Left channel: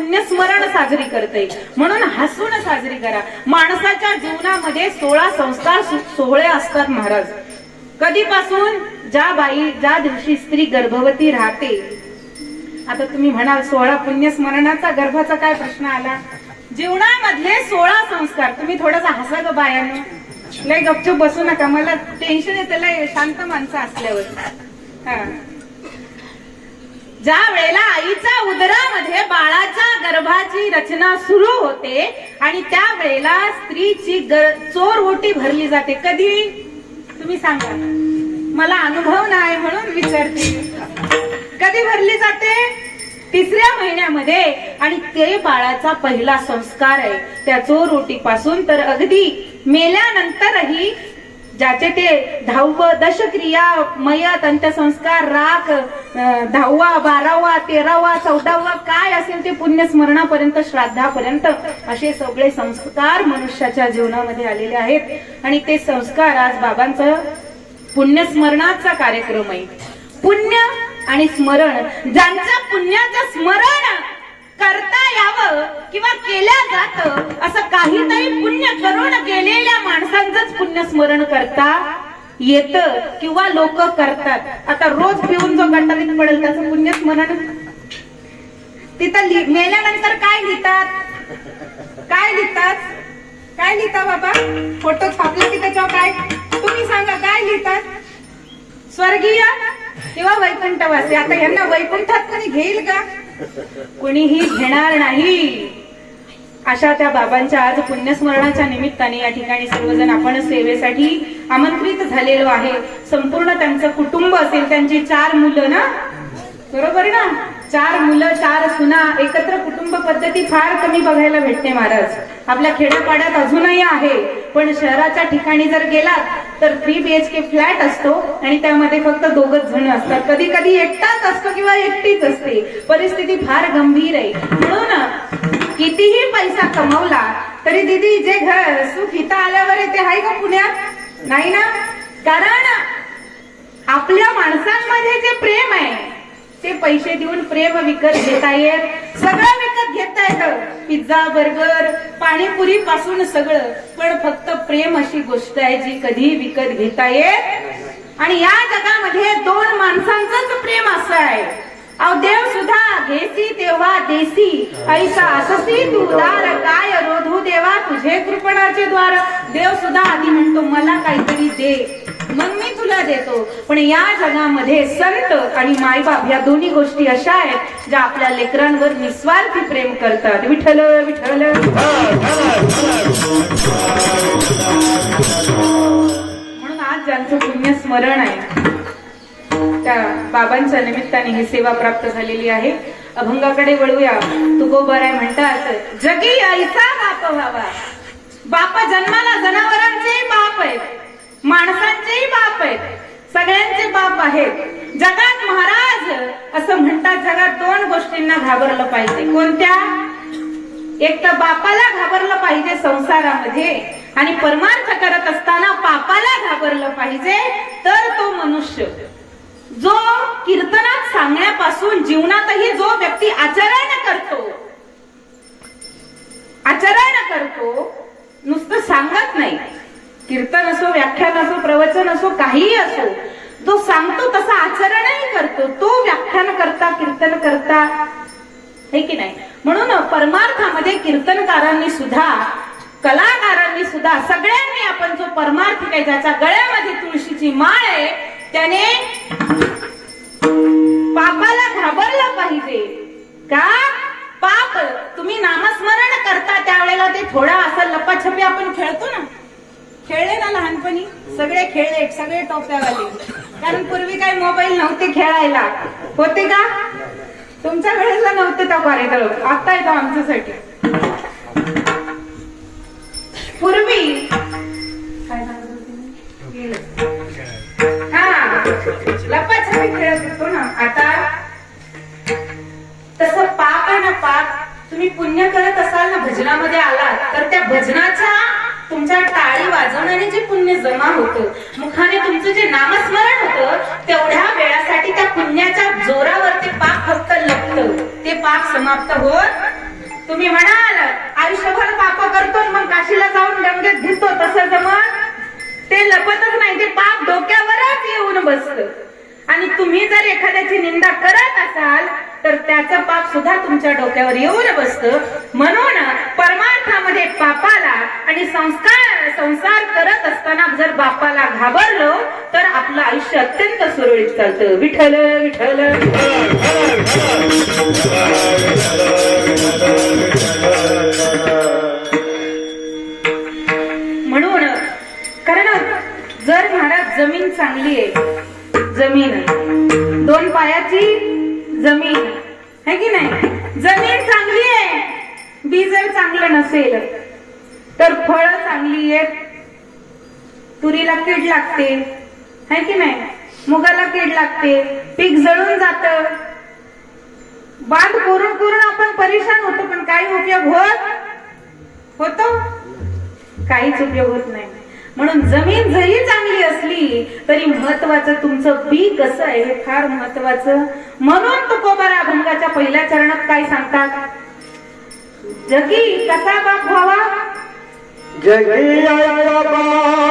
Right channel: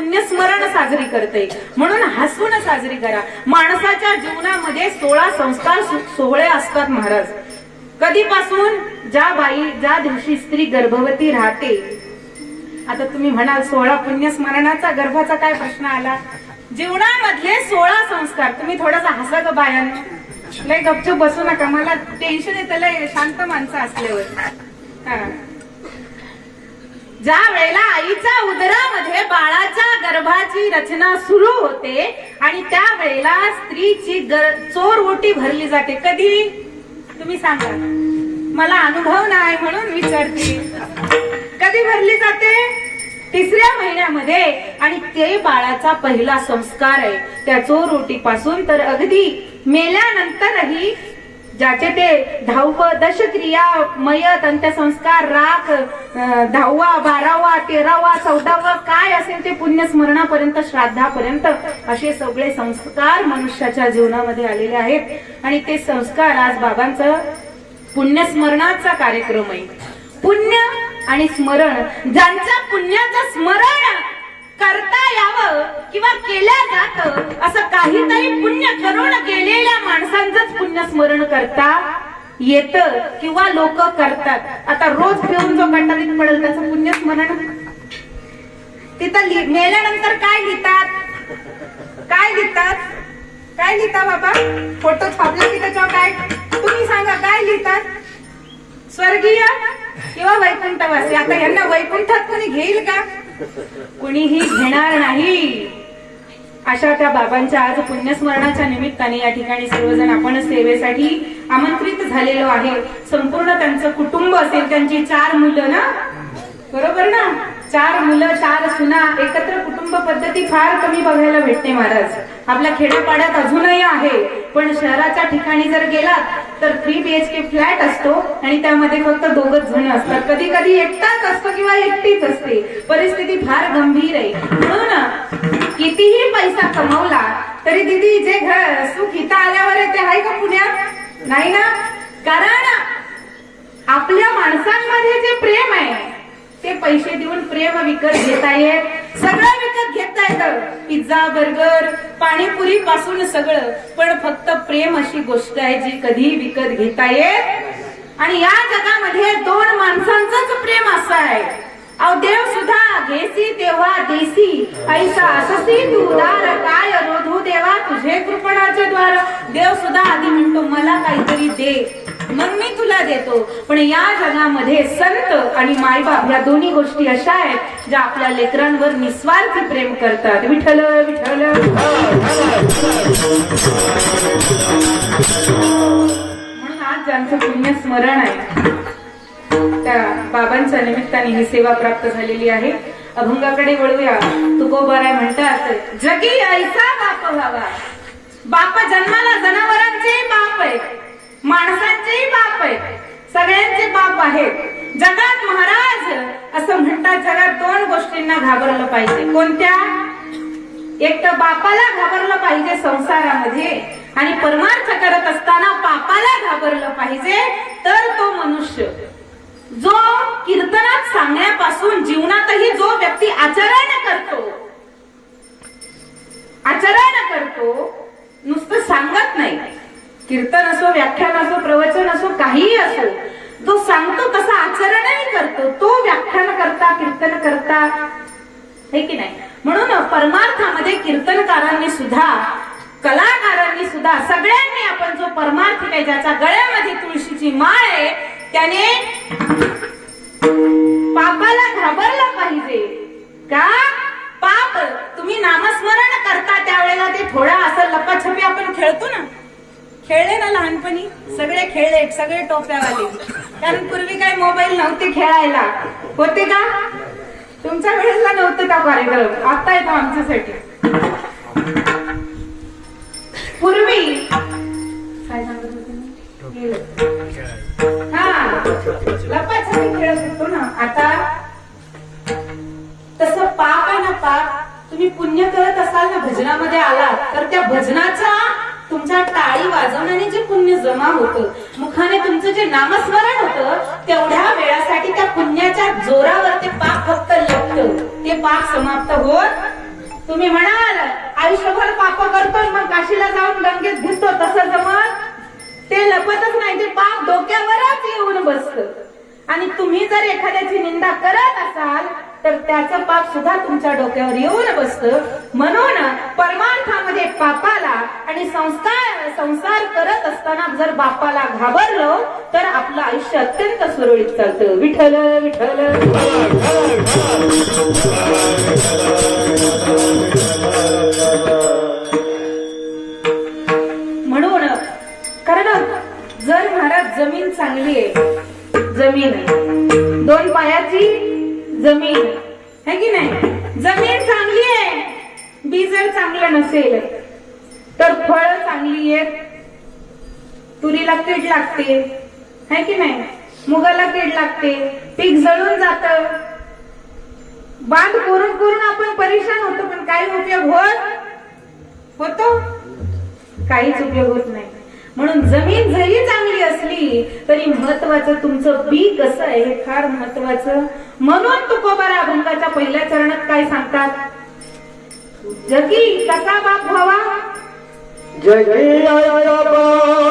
पुण्यस्मरण साजरी करते. म्हणून हसून साजरी करा. माणसाच्या जीवनामध्ये सोळा संस्कार सोहळे असतात महाराज. कधीपासून? ज्या बाई ज्या दिवशी स्त्री गर्भवती राहते. आता तुम्ही म्हणाल सोळा पुण्यस्मरणाचा गर्भाचा काय प्रश्न आला? जीवनामधले सोळा संस्कार. तुम्ही थोडासा हसा ग बायानं. लय गपचूप बसू नका. मला टेन्शन येतं लय शांत माणसं असल्यावर. हा. ज्या वेळेला आईच्या उदरामध्ये बाळाच्या गर्भाची रचना सुरू होते आणि त्या वेळेला स्त्रीची चोर ओटी भरली जाते. कधी? तुम्ही सांगा. मला अनुभव नाही म्हणून विचारते कधी भरली जाते? तिसऱ्या महिन्यामध्ये. आणि ते बाळाचा पहिला संस्कार आहे. त्या चोर ओटीपासून तर अगदी मेल्यानंतरही ज्याचे ते दहावं दशक्रिया मयत अंत्यसंस्कार राख दहावा बारावा तेरावा चौदावा काय असेल ते पुण्यस्मरणापर्यंत श्राद्धापर्यंत असे सगळे संस्कार मनुष्याच्या जीवनामध्ये आलेले आहेत. आणि ते संस्कार आज बाबांचं पुण्यस्मरणाचा कार्यक्रम आहे. पुण्य आणि स्मरण ज्यांच्या पुण्याचं स्मरण करता यावं किंवा केल्या जातं असं काहीतरी पुण्य करून गेलेल्या माणसांचंच पुण्य स्मरण करता येतं किंवा लोक करतात. आता रोज पिऊन जो गंडालीत पडेल त्याचं पुण्य स्मरण तिथं मेल्यानंतर काय लिहितात? काय लिहितात? काय लिहिता बाबा? फोटो छापले की त्याच्यावर काय? तुम्ही सांगा काय लिहितात? स्वर्गीय किंवा वैकुंठवासी? आता यांना वैकुंठात कोणी घेईल का? कुणीही घेणार नाही. अशा त्या बाबांच्या आज पुण्यस्मरणाच्या निमित्ताने या ठिकाणी सर्वजण आपण सेवेसाठी आमंत्रित झालेलो आहे. संपूर्ण त्यांचं कुटुंब असेल त्यांची चार मुलं ना? बरोबर ना? चार मुलं चार सुना एकत्र कुटुंब पद्धती फार कमी बघायला भेटते महाराज. आपल्या खेड्यापाड्यात अजूनही आहे. पण शहराच्या ठिकाणी जर गेलात तर थ्री बीएचके फ्लॅट असतो आणि त्यामध्ये फक्त दोघच जण असतात. कधी कधी एकटाच असतो किंवा एकटीच असते. परिस्थिती फार गंभीर आहे. म्हणून कितीही पैसा कमवला तरी दिदी जे घर सुख इथं आल्यावर आहे ते आहे का पुण्यात? नाही ना? कारण आपल्या माणसांमध्ये जे प्रेम आहे ते पैसे देऊन प्रेम विकत घेता येत. सगळं विकत घेता येतं. पिझ्झा बर्गर पाणीपुरी पासून सगळं. पण फक्त प्रेम अशी गोष्ट आहे जी कधी विकत घेता येत आणि या जगामध्ये दोन माणसांचंच प्रेम असं आहे. अहो देव सुद्धा घेसी तेव्हा देसी. ऐसा अससी तू उदार काय रोधू देवा तुझे कृपणाचे द्वार. देव सुद्धा आधी म्हणतो मला काहीतरी दे. मग मी तुला देतो. पण या जगामध्ये संत आणि मायबाप या दोन्ही गोष्टी अशा आहेत ज्या आपल्या लेकरांवर निस्वार्थी प्रेम करतात. विठ्ठल विठ्ठल. म्हणून आज ज्यांचं पुण्य स्मरण आहे त्या बाबांच्या निमित्ताने ही सेवा प्राप्त झालेली आहे. अभंगाकडे वळूया. तुकोबाराय म्हणतात जगी ऐसा बाप व्हावा. बाप जन्माला जनावरांचे बाप आहेत. माणसांचे बाप आहेत. सगळ्यांचे बाप आहेत. जगात महाराज असं म्हणतात जगात दोन गोष्टींना घाबरलं पाहिजे. कोणत्या? एक तर बापाला घाबरलं पाहिजे संसारामध्ये आणि परमार्थ करत असताना पापाला घाबरलं पाहिजे तर तो मनुष्य. जो कीर्तनात सांगण्यापासून जीवनातही जो व्यक्ती आचरण करतो आचरण करतो नुसतं सांगत नाही. कीर्तन असो व्याख्यान असो प्रवचन असो काहीही असो जो सांगतो तसा आचरणही करतो. तो व्याख्यान करता कीर्तन करता हे की नाही? म्हणून परमार्थामध्ये कीर्तनकारांनी सुद्धा कलाकारांनी सुद्धा सगळ्यांनी आपण जो परमार्थ आहे ज्याच्या गळ्यामध्ये तुळशीची माळ आहे त्याने पापाला घाबरला पाहिजे. का? पाप. तुम्ही नामस्मरण करता त्यावेळेला ते थोडं असं लपाछपी आपण खेळतो ना? खेळले ना लहानपणी? सगळे खेळले सगळे टोप्यावाले. कारण पूर्वी काय मोबाईल नव्हते खेळायला. होते का? तुमच्या वेळेला नव्हते का कॉरिडॉर आता येतो आमच्यासाठी. पूर्वी. काय लपा छपी हा. लपाछपी खेळत होतो ना. आता तसं पाप आहे ना पाप. तुम्ही पुण्य करत असाल ना भजनामध्ये आलात तर त्या भजनाचा तुमच्या टाळी वाजवण्याने जे पुण्य जमा होतं मुखाने तुमचं जे नामस्मरण होतं तेवढ्या वेळासाठी त्या पुण्याच्या जोरावर ते पाप फक्त लपलं. ते पाप समाप्त होत. तुम्ही म्हणाल आयुष्यभर पाप करतो मग काशीला जाऊन गंगेत घेतो तसं जमत ते लपतच नाही ते पाप डोक्यावरच येऊन बसत. आणि तुम्ही जर एखाद्याची निंदा करत असाल तर त्याचं पाप सुद्धा तुमच्या डोक्यावर येऊन बसत. म्हणून परमार्थामध्ये पापाला आणि संस्कार संसार करत असताना जर बापाला घाबरलो तर आपलं आयुष्य अत्यंत सुरळीत चालतं. विठ्ठल विठल बी जर चांगलं नसेल तर फळ चांगली आहेत. तुरीला कीड लागते. है की नाही? मुगाला कीड लागते. पीक जळून जात. बांध करून करून आपण परेशान होतो पण काही उपयोग होत होतो? काहीच उपयोग होत नाही. म्हणून जमीन जरी चांगली असली तरी महत्वाचं तुमचं बी कसं आहे हे फार महत्वाचं. म्हणून तुकोबारा अभंगाच्या पहिल्या चरणात काय सांगतात? जगी कसा बाप व्हावा जगी आया बाप.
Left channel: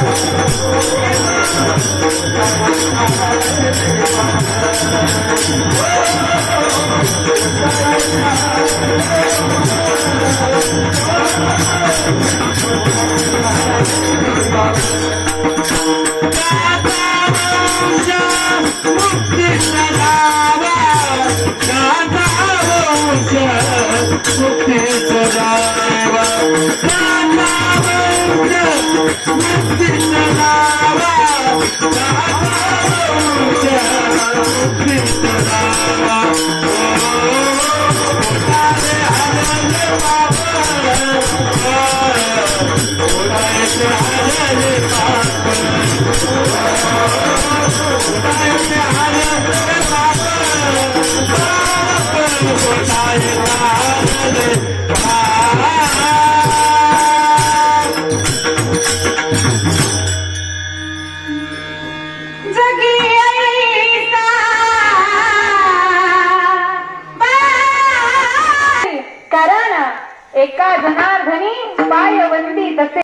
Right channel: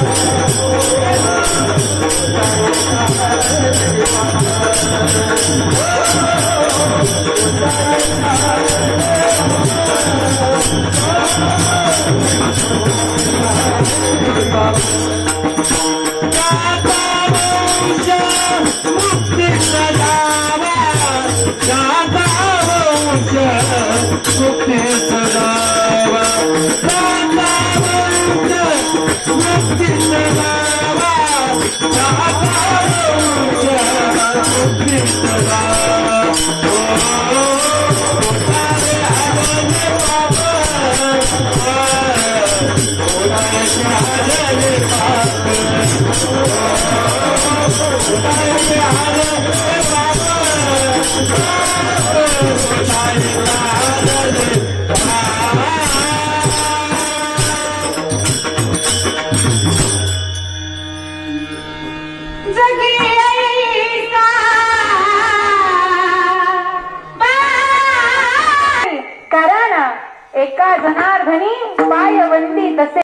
Thank you. आया जगी आया जगी आया जगी बाप. कारण एका तसे